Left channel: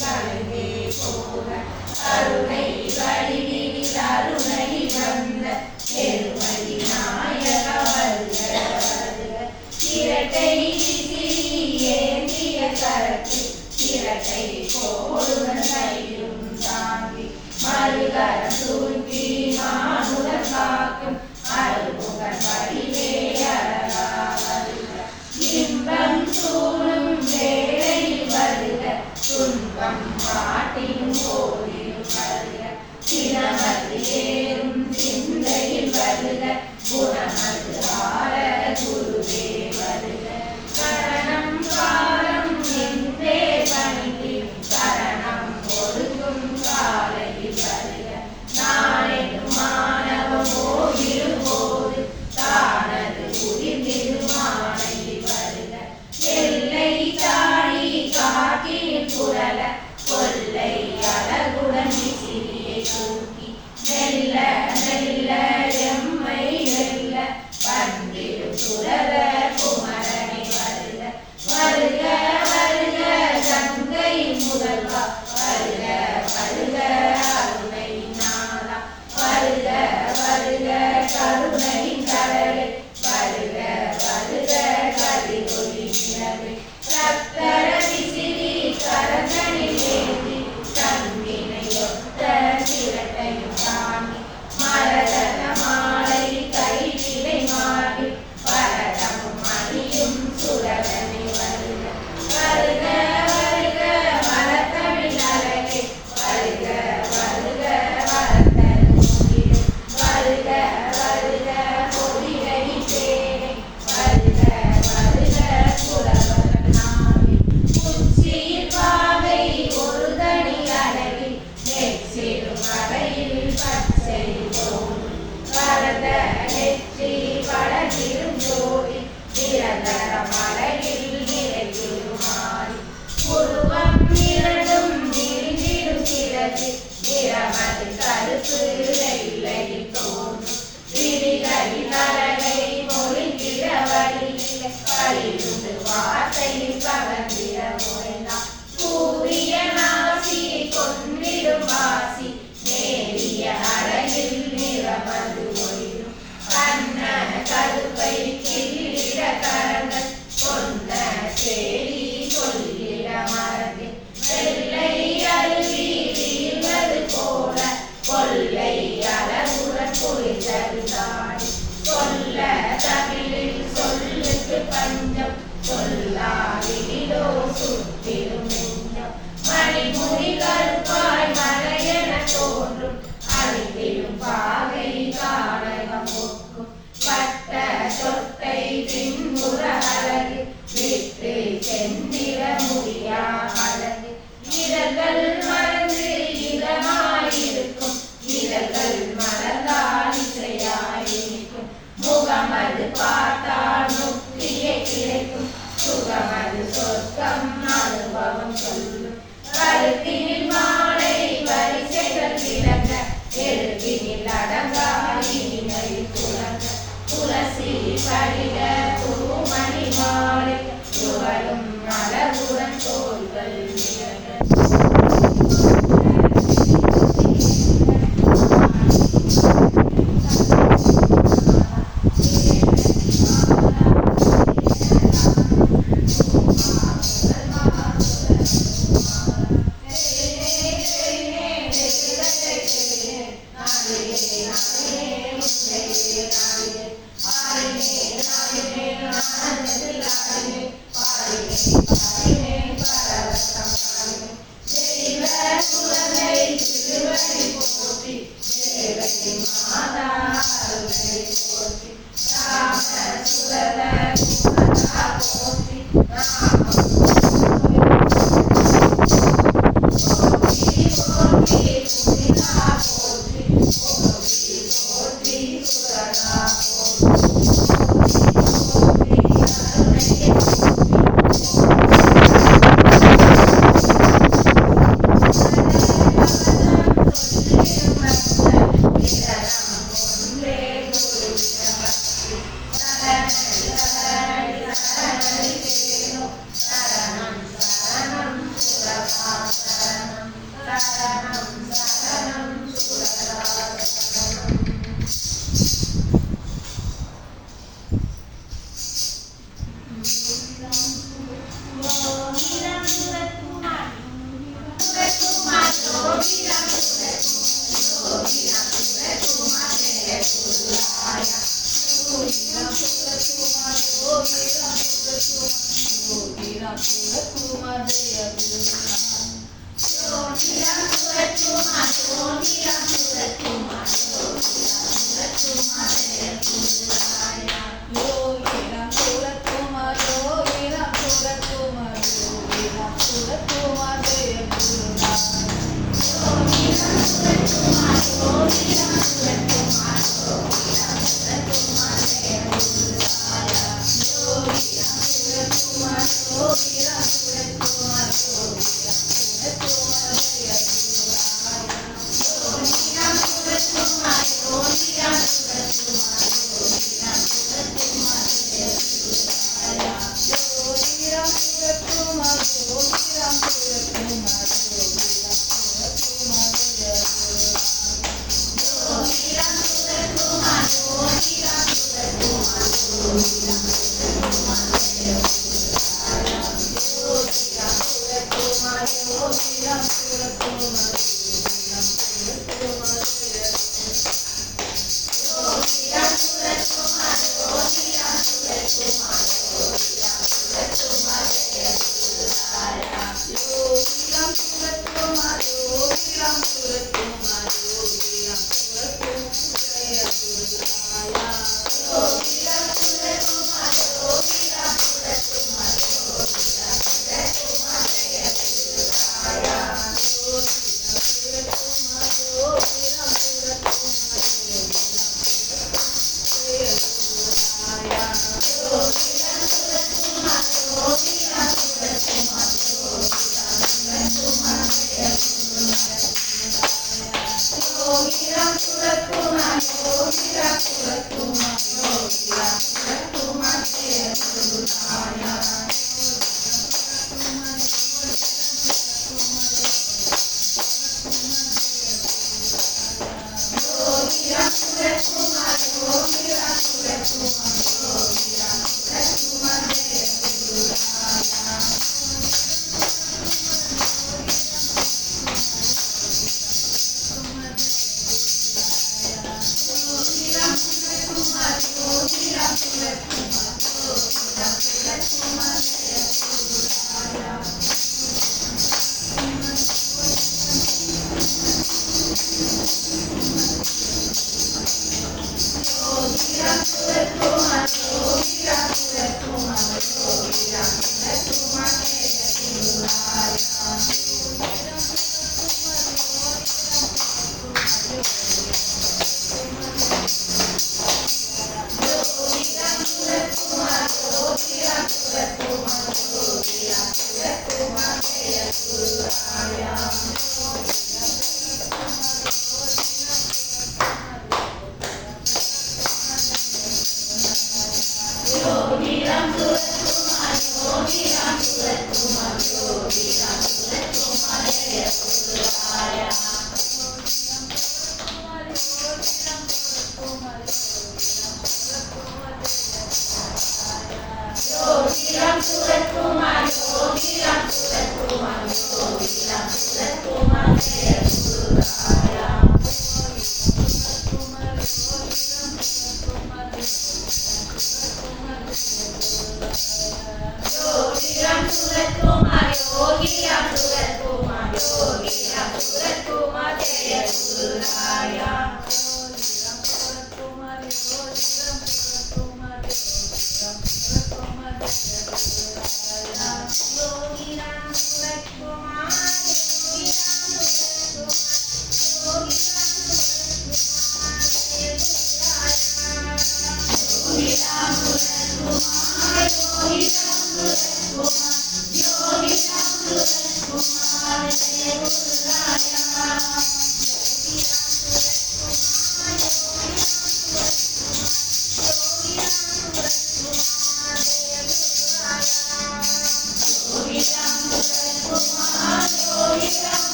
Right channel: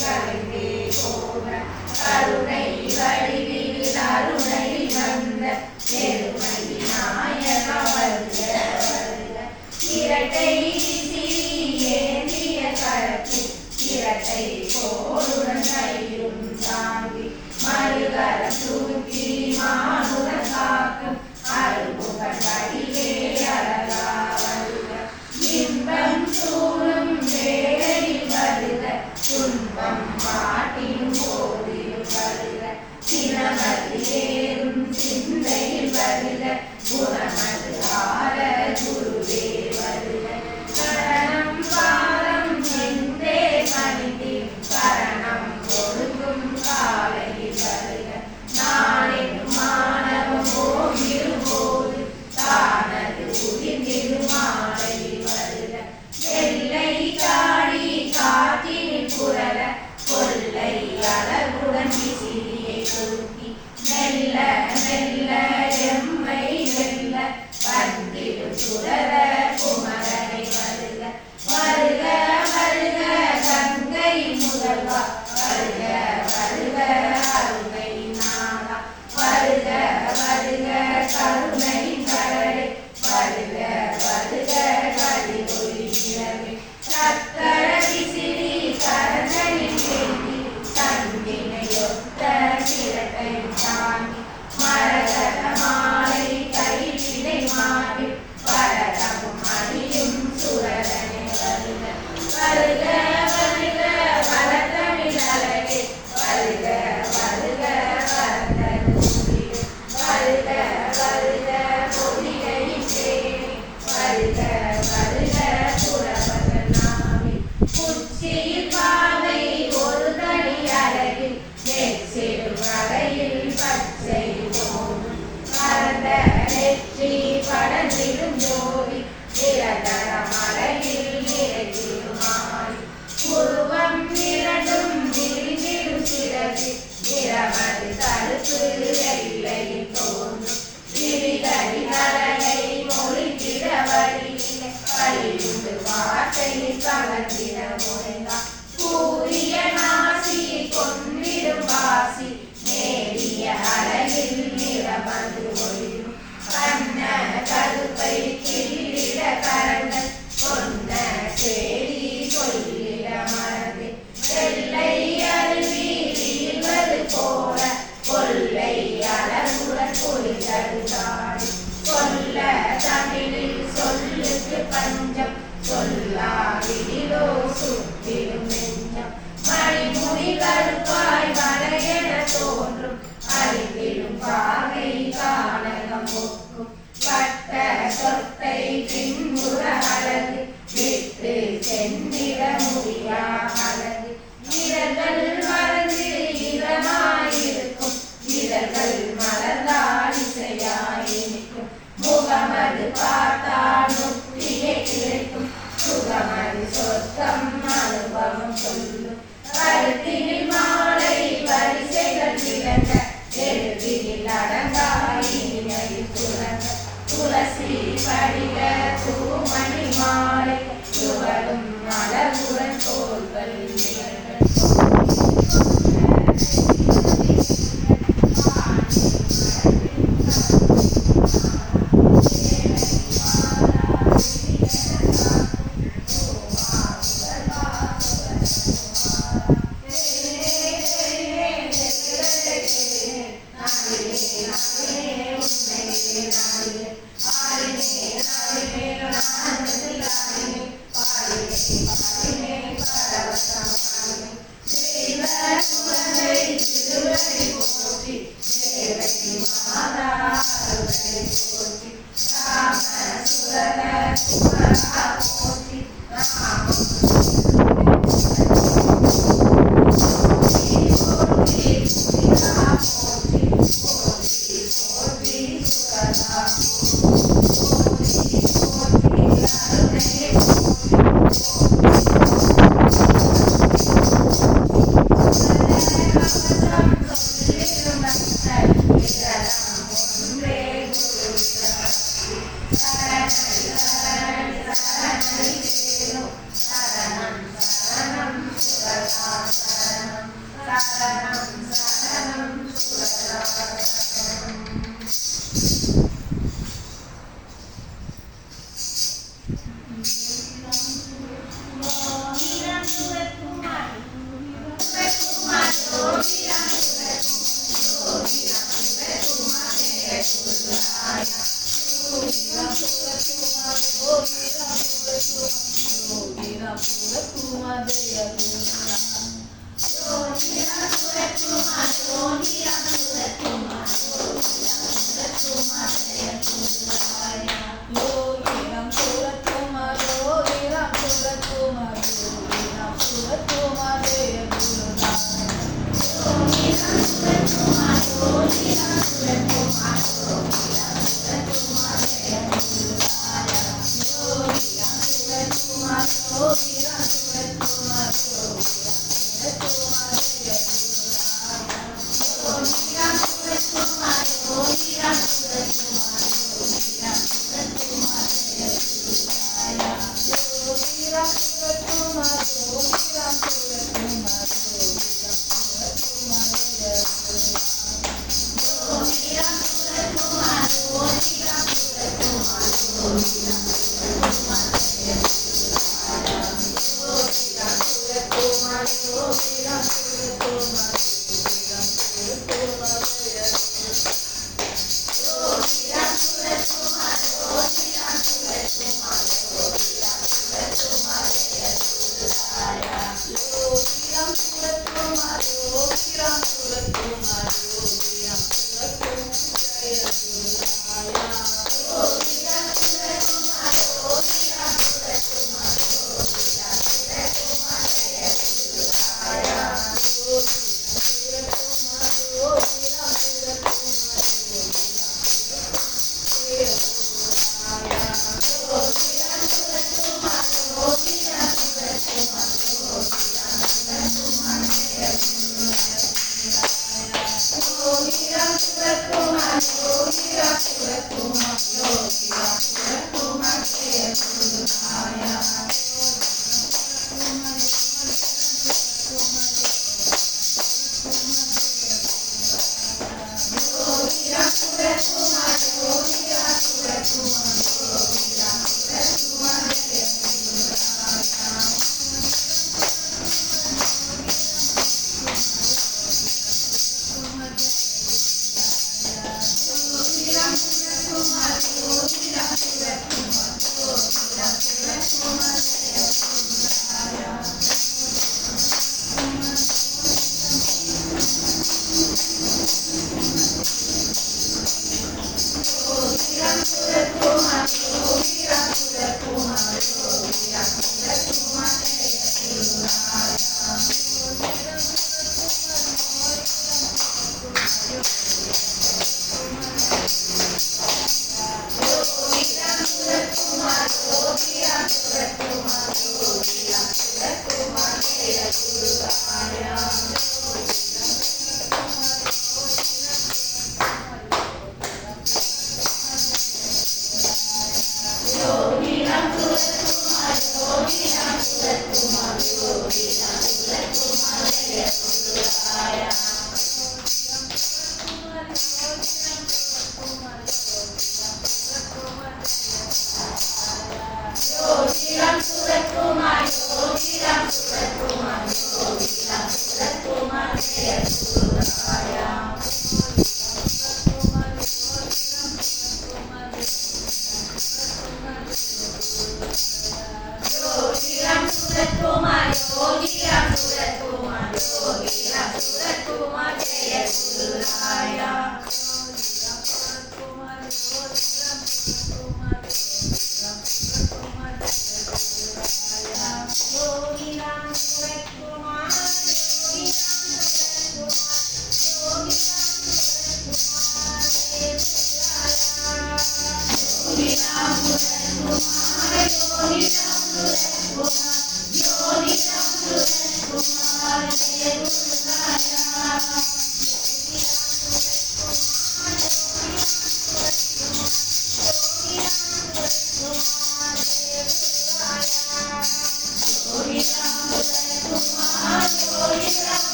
கலைந்தே போக கருணை வடிவில் அருணை வந்த பெருமை நாயக வருக வருக. இரட்டை விசிறி ஏந்திய கரத்தில் இரட்டை கோளுடன் கையும் தாங்கி மறுகர சூட்டி மானுடன் காக்கும் அருமுகன் வடிவே அழகா வருக. இன்பம் சூழும் வேளையில் வருக துன்பம் பாட்டிலும் போதிலும் வருக. சிரமது ஏறும் சிந்தையில் வருக குணமது ஆர குருவே வருக. கரணம் பாரம் என்றே பணிந்து கரணம் கொடுக்கும் காலையில் வருக. நாளெனும் மாணவம் போகிடும் போது தானது புரிந்திடும் மாலையில் வருக. எல்லை தாடி காட்டில் புரள கொல்லை அழகுடன் விசிறியை தூக்கி மெல்ல மெல்ல எம்மை வெல்ல வந்திடும் சுரத குமரனை வருக. வருக வருக கங்கை முதல்வா வருக வருக அருணை நாதா வருக வருக கருணை கடலே வருக வருக கதிரொலிக்கிறதே. சக்கர விசிறி கரங்களில் ஏந்தி கண்ணினையொத்த சிரட்டை தாங்கி மரகத மாலை கைவிடை மாறி வரதமும் அணியும் சுரதனை வருக. வருக வருக வளர்த்தமிழ் அழகே வருக வருக வளர்ந்தருளிடு. வருக வருக பொதிகை தேனே வருக வருக புலவர்கள் நாவே. உச்சியில் பாவை ஒரு தனி அழகில் நெற்றிடும் அறையில் பச்சை தோன்றும் கரந்த நெற்றி படத்திடும் ஜோதி நிரந்தரம் அழகில் நிறைந்திடும் மாறி. உருவம் இரண்டும் விரிந்திடும் சிறகு நிறமது கருப்பு வெள்ளையில் தோன்றும் விழிகளில் அழகை மொழிந்திட வழியில்லை வழியுண்டு வார்த்தையில் கலந்திட முறைதான். கூறிய நாசி கொன்றிடும் வாசி நேரிய அழகில் நிறமது ஒளிரும் கண்ண கருப்பை கிள்ளிட கரங்கள் சொன்ன கேலி சொல்லிட மறந்து வெள்ளை அருவி வீழ்வது போல கொள்ளை அழகுடன் பொழிதருந்தாடி. சொல்ல தமிழில் சொல்லுக்கு பஞ்சம் சொல்லாவிலோ சுற்றிடும் நெஞ்சம். மணிமுடி கருப்பாய் மலையென தோன்றும் அறிவிலும் பாகை கானகம் ஒக்கும் வட்ட சொட்டை பின்புற அழகு விட்டு சென்றிட முடியா அழகு. இதழ்கள் மறந்து இதமாயிருக்கும் இதழ்கள் மலர்ந்தால் இசையாயிருக்கும். முகமது பார்த்தால் முக்தியை கிடைக்கும் சுகமது சொர்க்கம் அனுபவம் சொல்லும். கருத்தினில் மாலை வரிசைகள் திறந்த எழுத்தினில் அடங்கா இனிமையில் துறந்த துளசி படிக தூமணி மாலை துவளும் மலருடன் தோள்கள் शरणं शरणं सुरराजनम्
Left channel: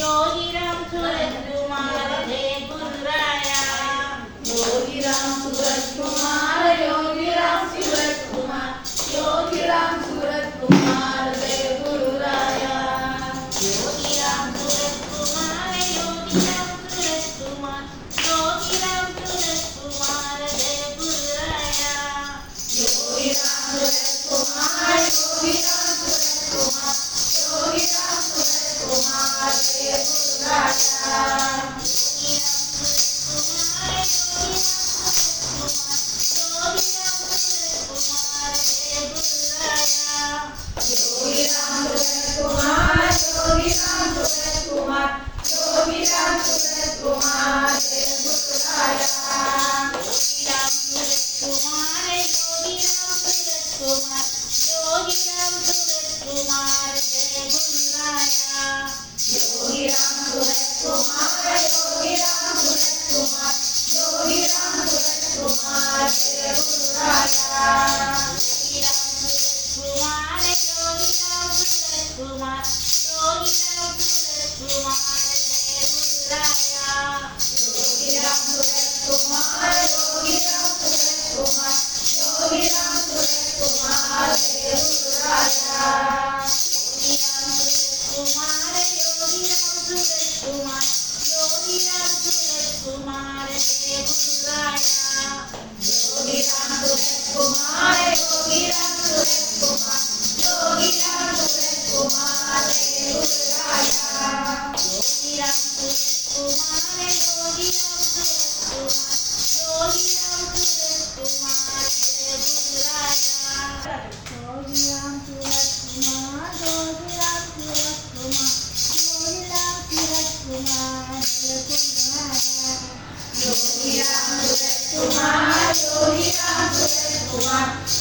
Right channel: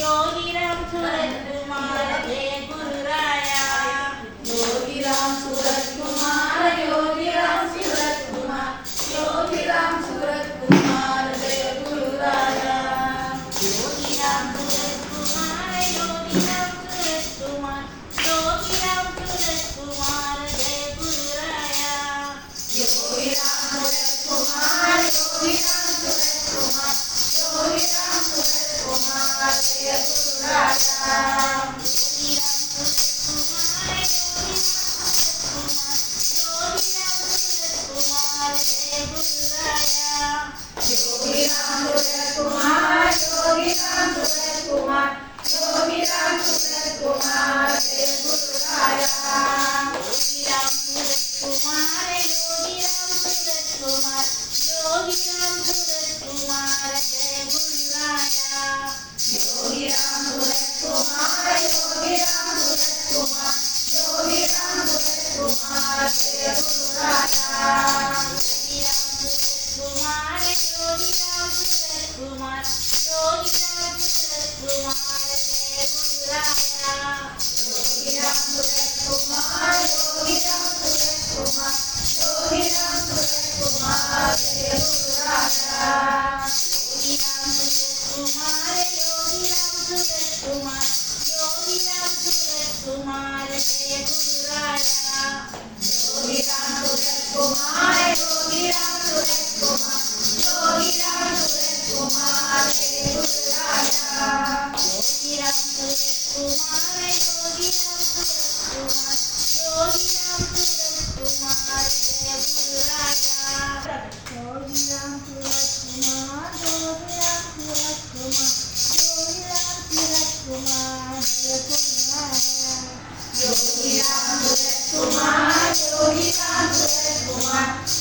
योगी राम सूरज कुमार कुमार जय गुरु राया योगी राम सूरत कुमार योगी राम सूरत कुमार योगी राम सूरत कुमार जय गुरु राया योगी राम सूरत कुमार योगी राम सूरत कुमार योगी राम सूरत कुमार योगी राम सूरत कुमार योगी राम सूरत कुमार जय गुरु राया योगी राम सूरत कुमार योगी राम सूरत कुमार योगी राम सूरत कुमार जय गुरु राया योगी राम सूरत कुमार योगी राम सूरत कुमार योगी राम सूरत कुमार जय गुरु राया योगी राम सूरत कुमार योगी राम सूरत कुमार योगी राम सूरत कुमार जय गुरु राया योगी राम सूरत कुमार योगी राम सूरत कुमार योगी राम सूरत कुमार जय गुरु राया योगी राम सूरत कुमार योगी राम सूरत कुमार योगी राम सूरत कुमार जय गुरु राया योगी राम सूरत कुमार योगी राम सूरत कुमार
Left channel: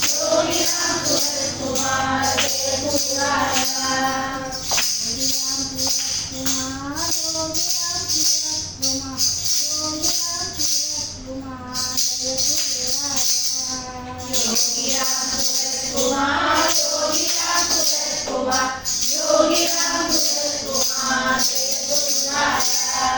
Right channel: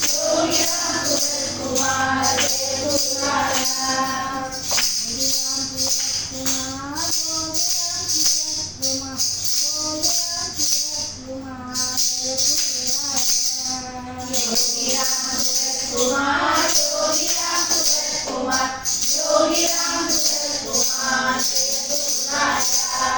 योगी राम सूरत कुमार जय गुरु राया योगी राम सूरत कुमार योगी राम सूरत कुमार योगी राम सूरत कुमार जय गुरु राया योगी राम सूरत कुमार योगी राम सूरत कुमार योगी राम सूरत कुमार जय गुरु राया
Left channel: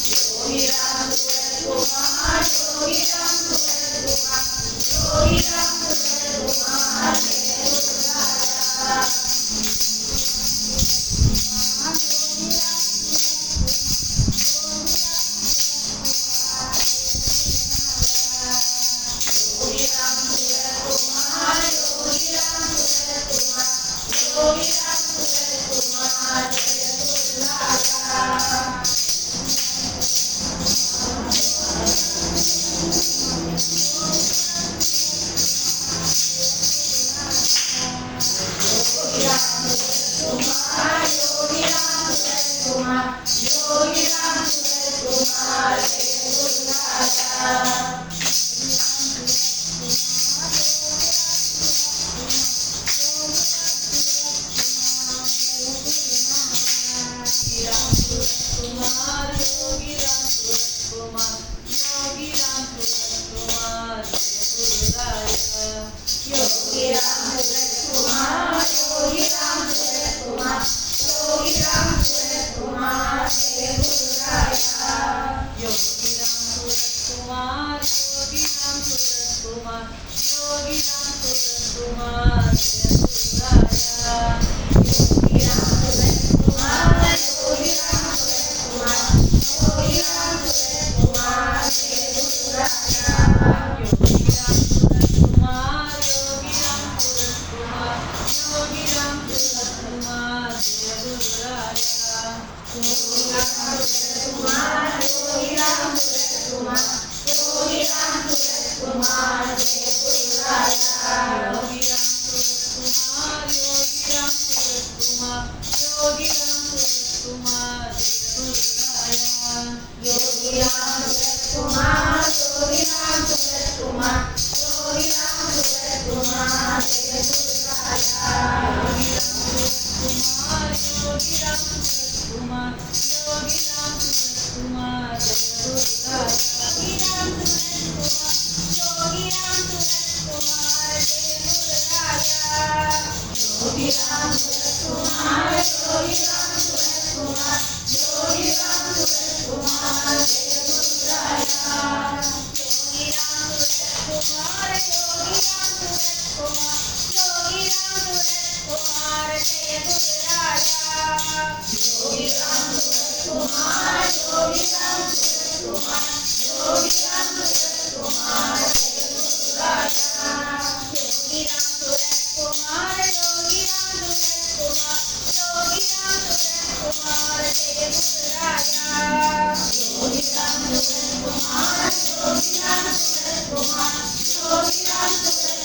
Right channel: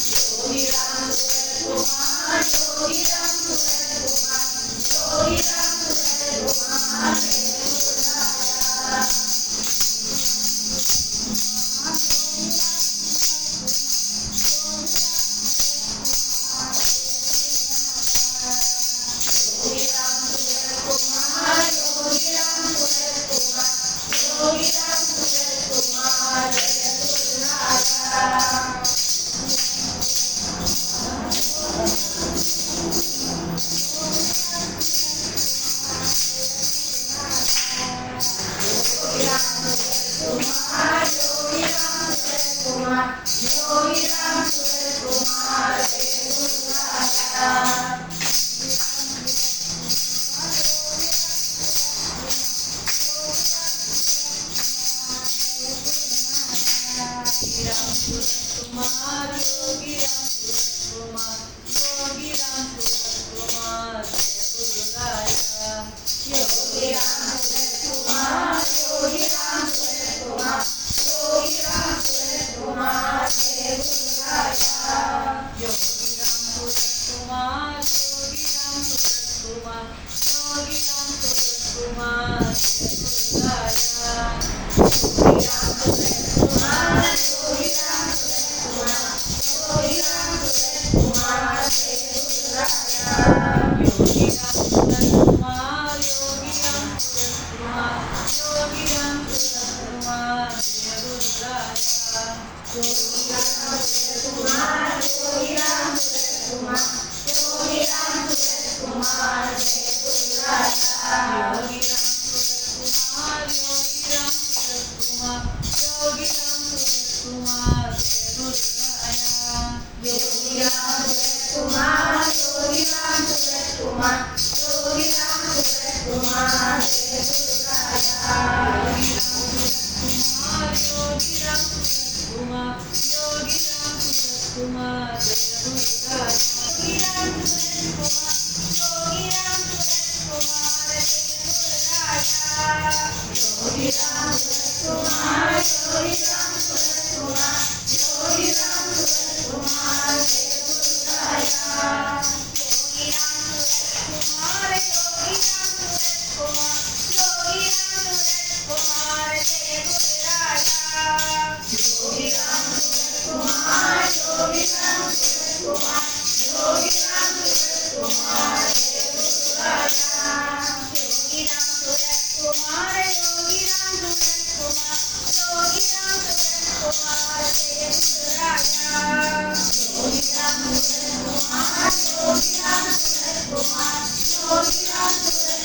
योगी राम सूरत कुमार योगी राम सूरत कुमार योगी राम सूरत कुमार जय गुरु राया योगी राम सूरत कुमार योगी राम सूरत कुमार योगी राम सूरत कुमार जय गुरु राया योगी राम सूरत कुमार योगी राम सूरत कुमार योगी राम सूरत कुमार जय गुरु राया योगी राम सूरत कुमार योगी राम सूरत कुमार योगी राम सूरत कुमार जय गुरु राया योगी राम सूरत कुमार योगी राम सूरत कुमार योगी राम सूरत कुमार जय गुरु राया योगी राम सूरत कुमार योगी राम सूरत कुमार योगी राम सूरत कुमार जय गुरु राया योगी राम सूरत कुमार योगी राम सूरत कुमार योगी राम सूरत कुमार जय गुरु राया योगी राम सूरत कुमार योगी राम सूरत कुमार योगी राम सूरत कुमार जय गुरु राया योगी राम सूरत कुमार योगी राम सूरत कुमार योगी राम सूरत कुमार जय गुरु राया योगी राम सूरत कुमार योगी राम सूरत कुमार योगी राम सूरत कुमार जय गुरु राया योगी राम सूरत कुमार योगी राम सूरत कुमार योगी राम सूरत कुमार जय गुरु राया योगी राम सूरत कुमार योगी राम सूरत कुमार जय गुरु राया योगी राम सूरत कुमार योगी राम सूरत कुमार योगी राम सूरत कुमार जय गुरु राया योगी राम सूरत कुमार योगी राम सूरत कुमार योगी राम सूरत कुमार जय गुरु राया योगी राम सूरत कुमार योगी राम सूरत कुमार योगी राम सूरत कुमार जय गुरु राया योगी राम सूरत कुमार योगी राम सूरत कुमार योगी राम सूरत कुमार जय गुरु राया योगी राम सूरत कुमार योगी राम सूरत कुमार योगी राम सूरत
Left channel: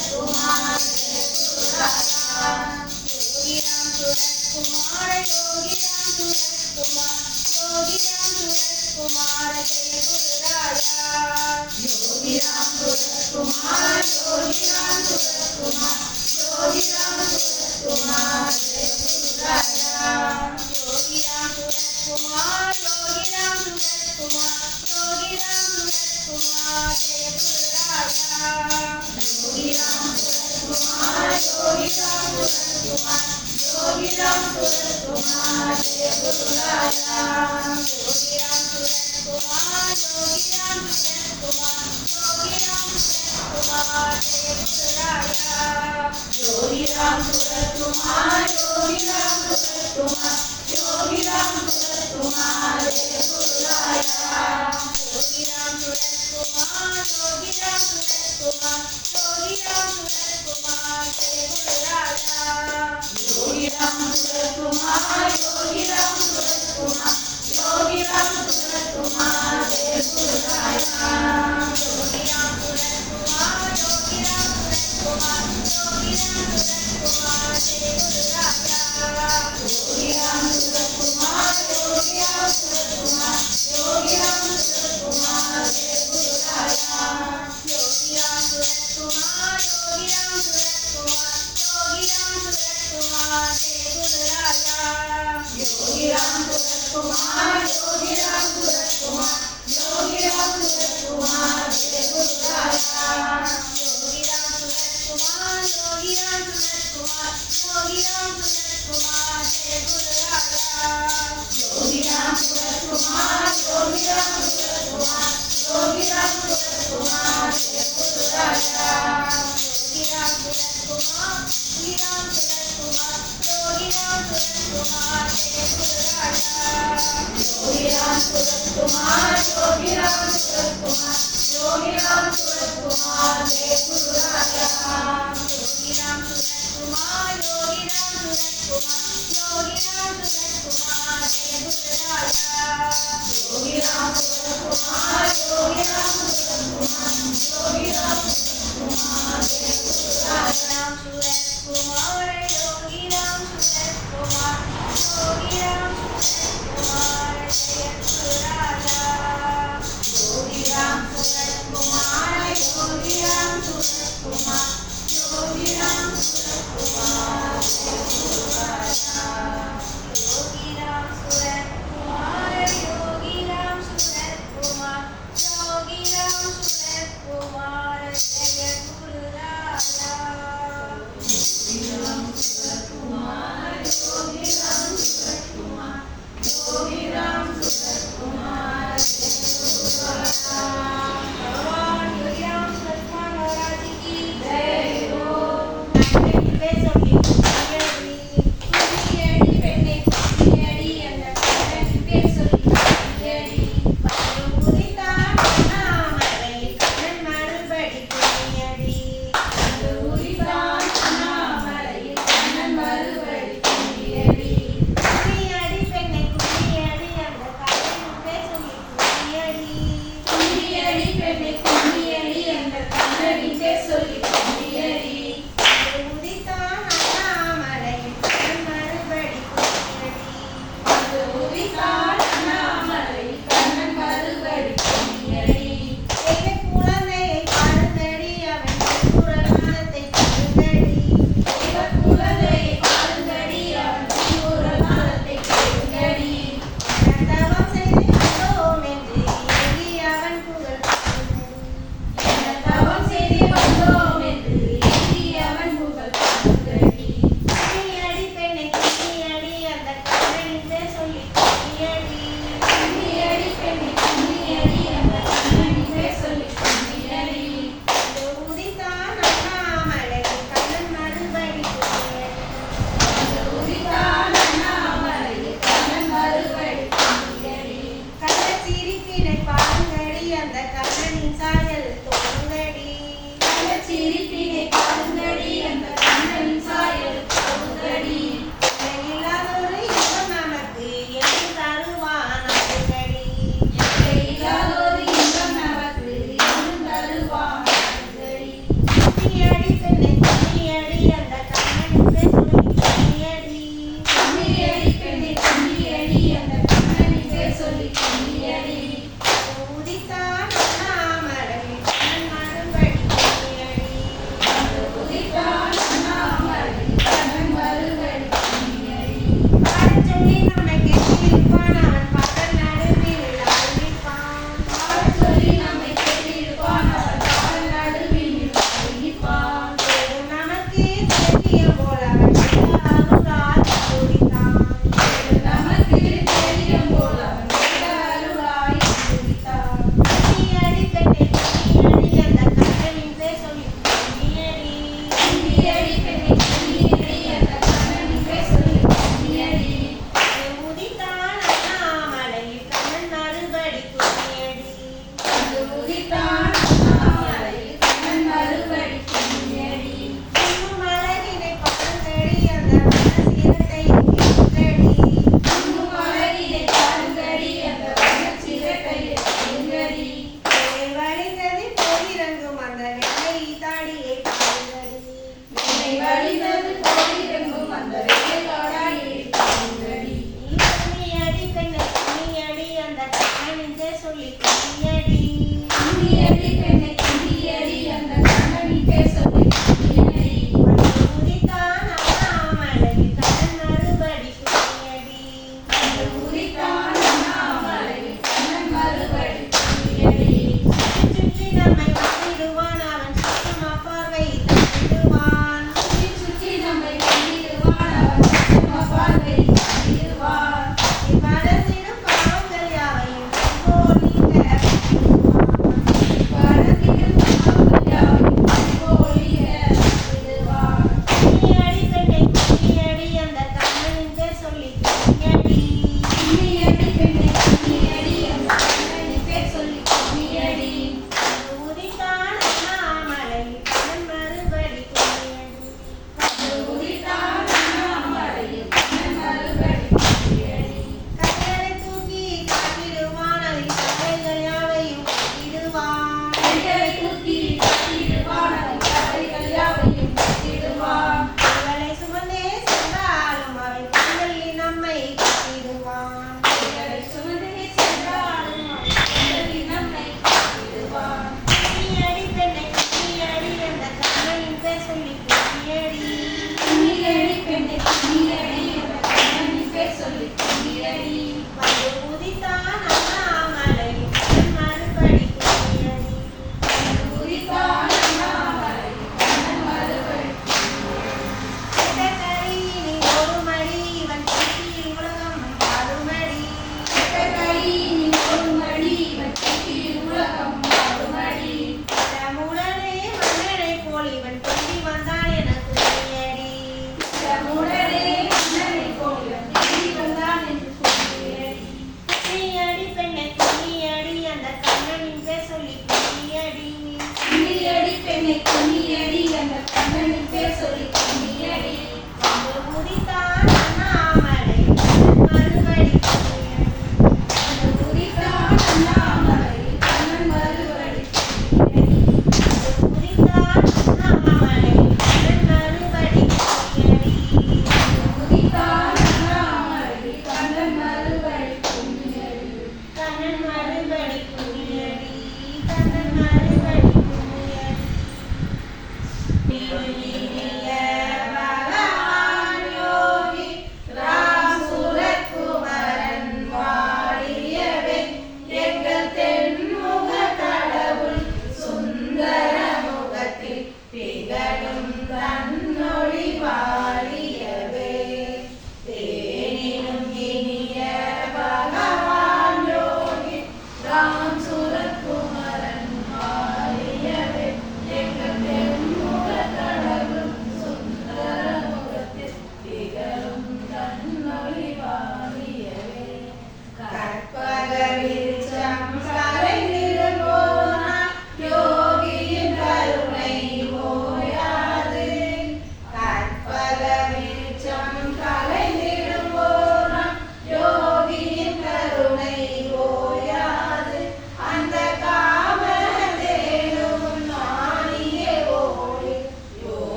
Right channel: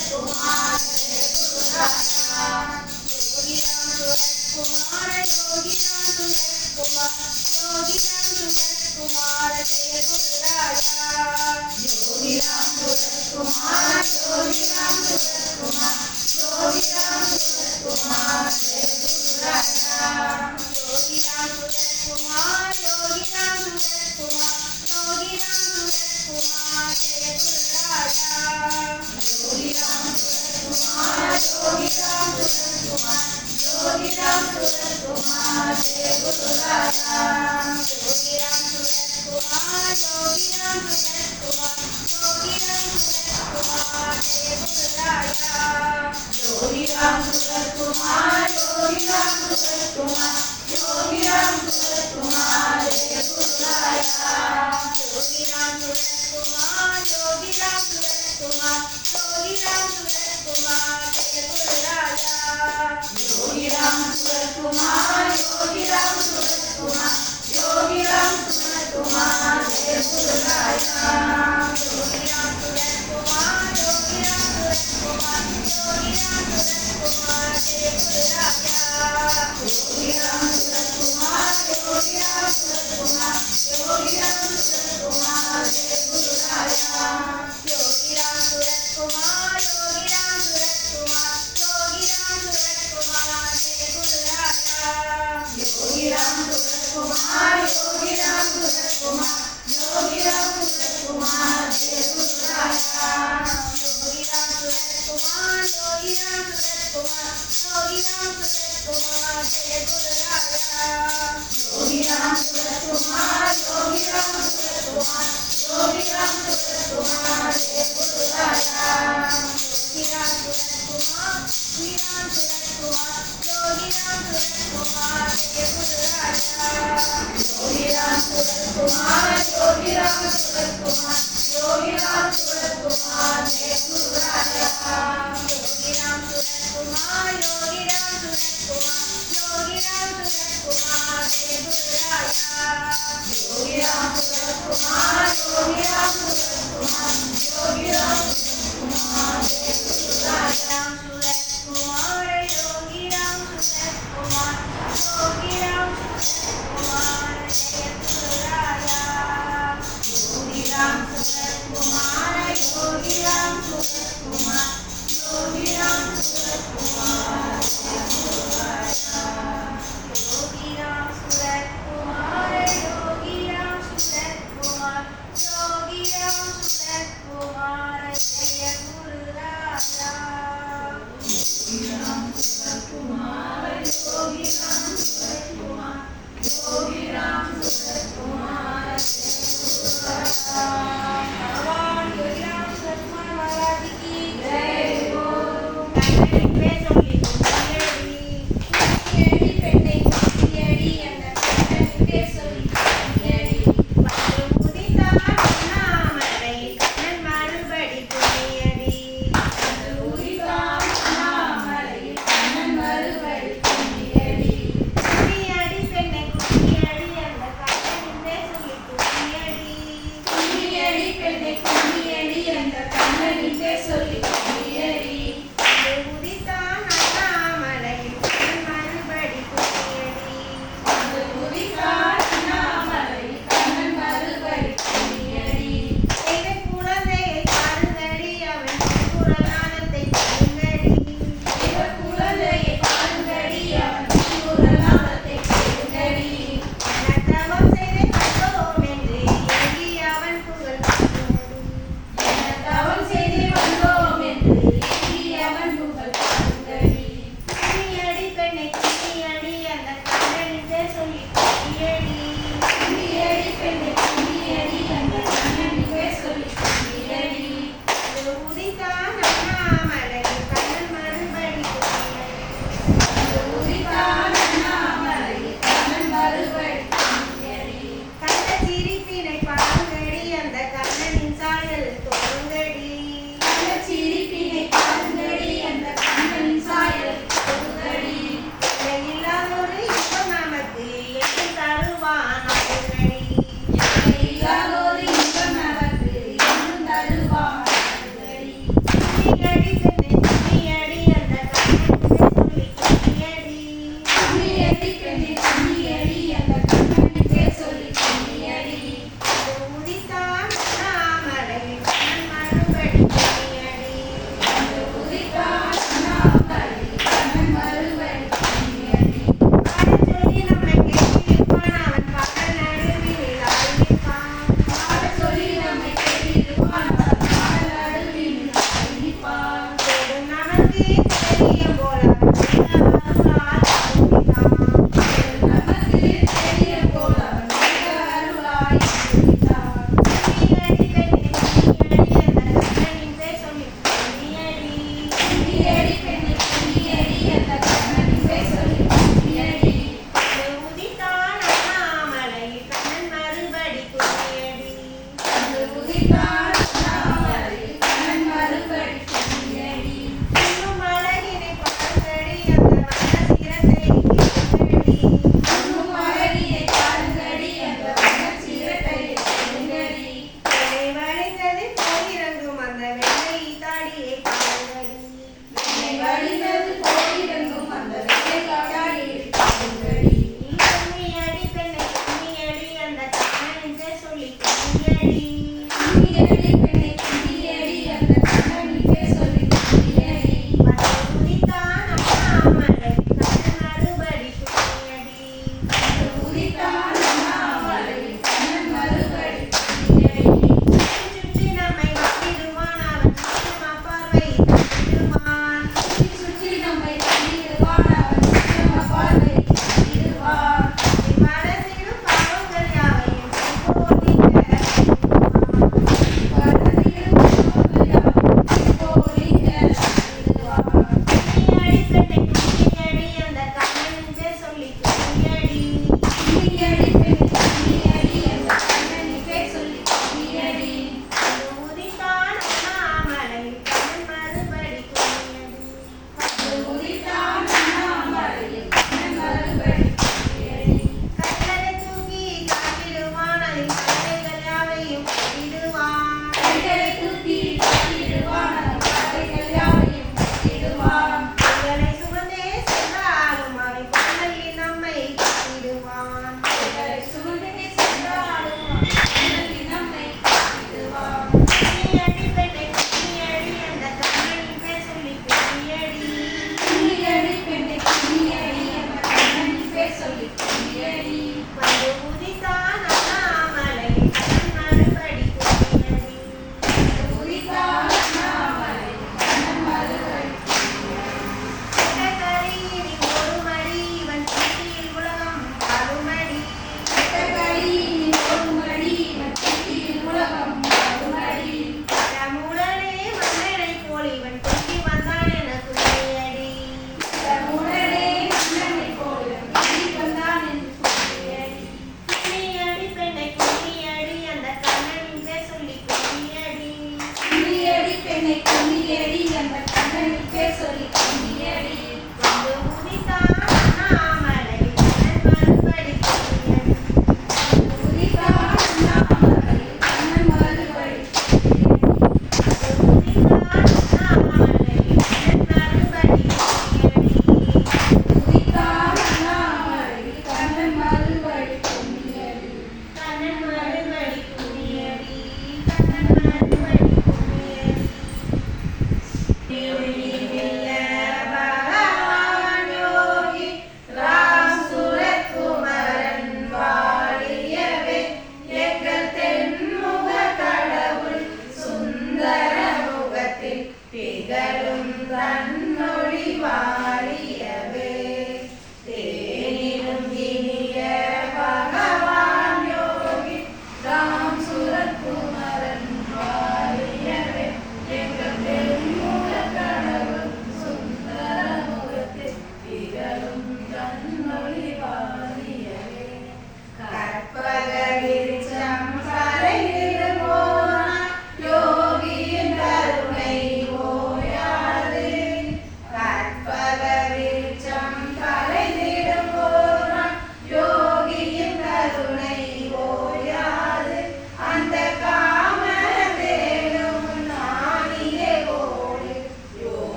Yogiram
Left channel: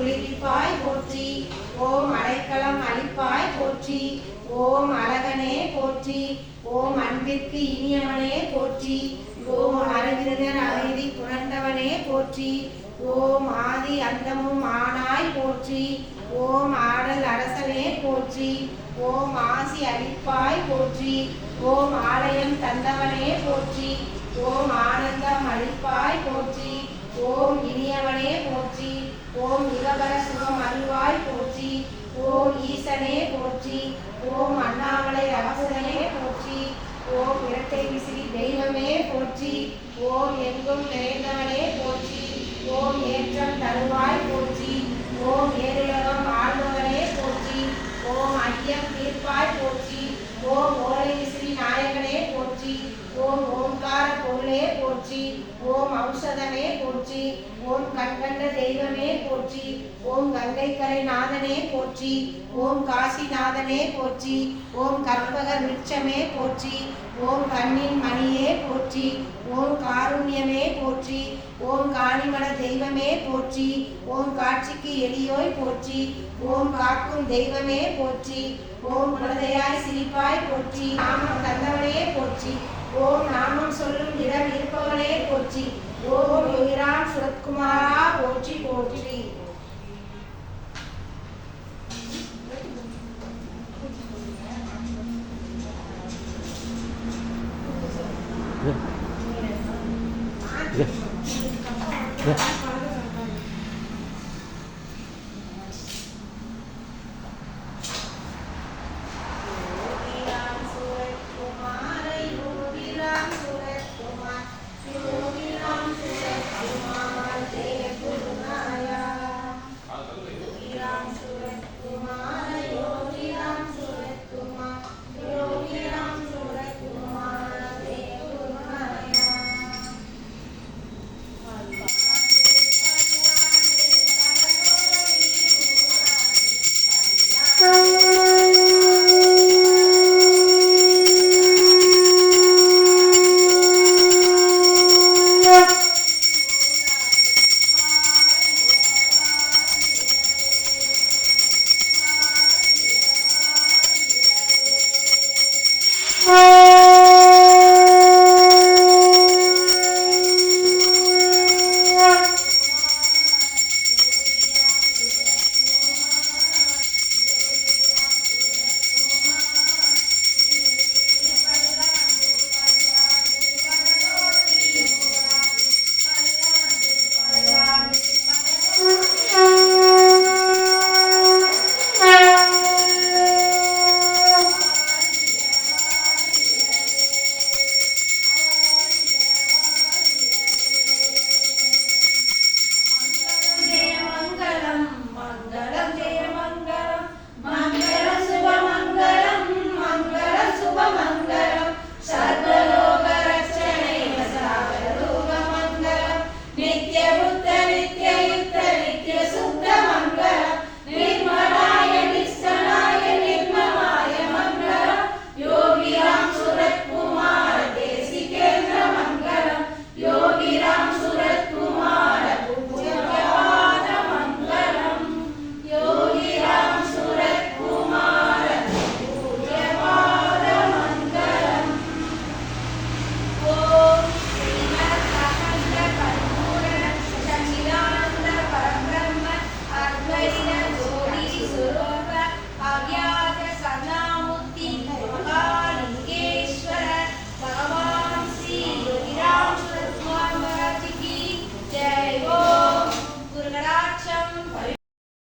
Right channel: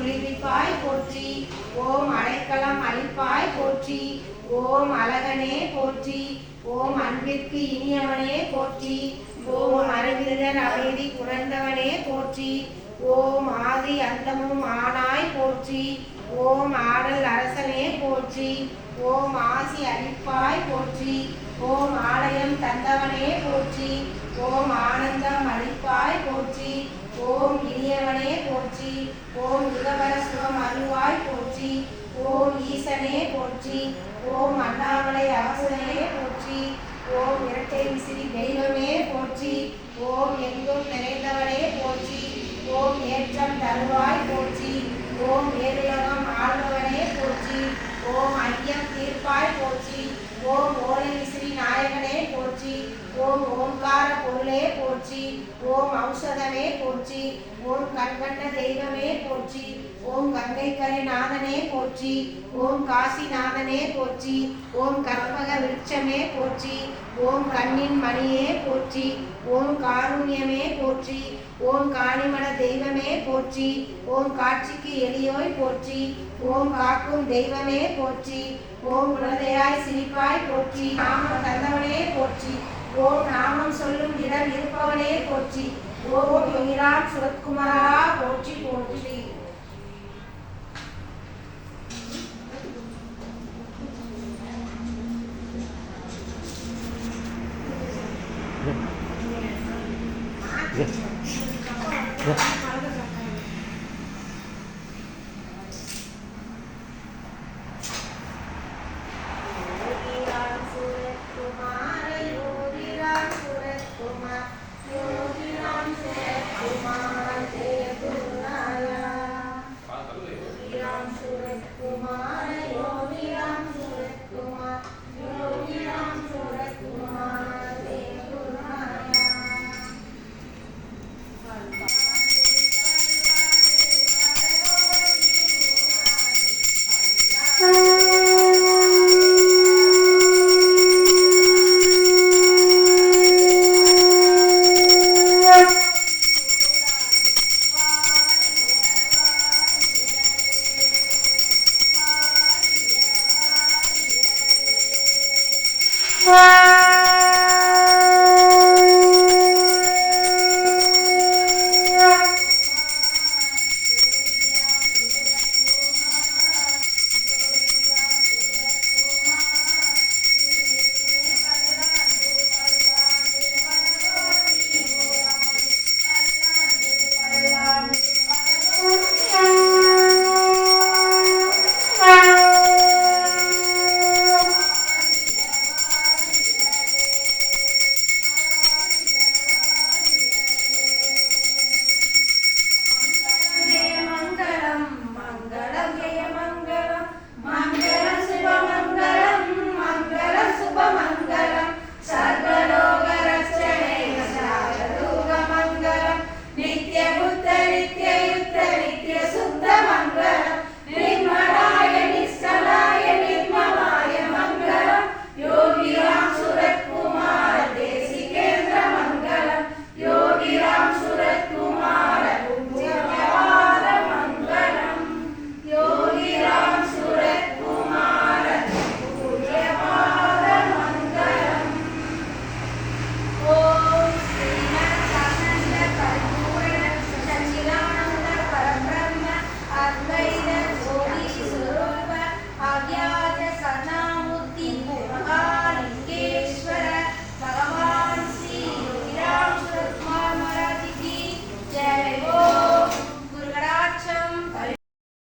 குளிர்விப்பாய் போற்றி. ஓம் அடைக்கலம் அளிப்பாய் போற்றி. ஓம் அழகனே போற்றி. ஓம் அன்பிற்கு இனியவனே போற்றி. ஓம் அறிஞர் அமைதி புரண்டவனே போற்றி. ஓம் ஆதி அந்தமும் ஆனாய் போற்றி. ஓம் ஆடல் அரசனே போற்றி. ஓம் ஆசி அளிப்பாய் போற்றி. ஓம் ஆலயம் தந்தவனே போற்றி. ஓம் ஆனந்தம் அளிப்பாய் போற்றி. ஓம் இனியவனே போற்றி. ஓம் இகபர சுகம் அருள்வாய் போற்றி. ஓம் ஈசனே போற்றி. ஓம் அண்ணாமலை அவசரனே போற்றி. ஓம் இரட்டை விசிறி தெய்வமே போற்றி. ஓம் எங்கும் நிறைந்தவனே போற்றி. ஓம் ஏற்றம் தருவாய் போற்றி. ஓம் ஏருலகம் ஆழ்ந்தவனே போற்றி. ஓம் ஐயம் தீர்ப்பாய் போற்றி. ஓம் ஓலை விசிறி நாயகனே போற்றி. ஓம் ஓம்கார பொருளே போற்றி. ஓம் ஔஷதமே போற்றி. ஓம் கண்கண்ட தெய்வமே போற்றி. ஓம் கங்கைக்கரை நாதனே போற்றி. ஓம் காசிநாதனே போற்றி. ஓம் கற்பக விருட்சமே போற்றி. ஓம் கண்ணின் மணியே போற்றி. ஓம் காருண்யமே போற்றி. ஓம் காணிமட தெய்வமே போற்றி. ஓம் காட்சிக்கு எளியோய் போற்றி. ஓம் காக்கும் தெய்வமே போற்றி. ஓம் குழந்தையாய் சிரிப்பாய் போற்றி. நாமம் தந்தவனே போற்றி. ஓம் நாமம் சொல்லும் இடம் இருப்பவனே போற்றி. ஓம் யோகிராம் சுரத்குமாரா போற்றி போற்றி. Yeah.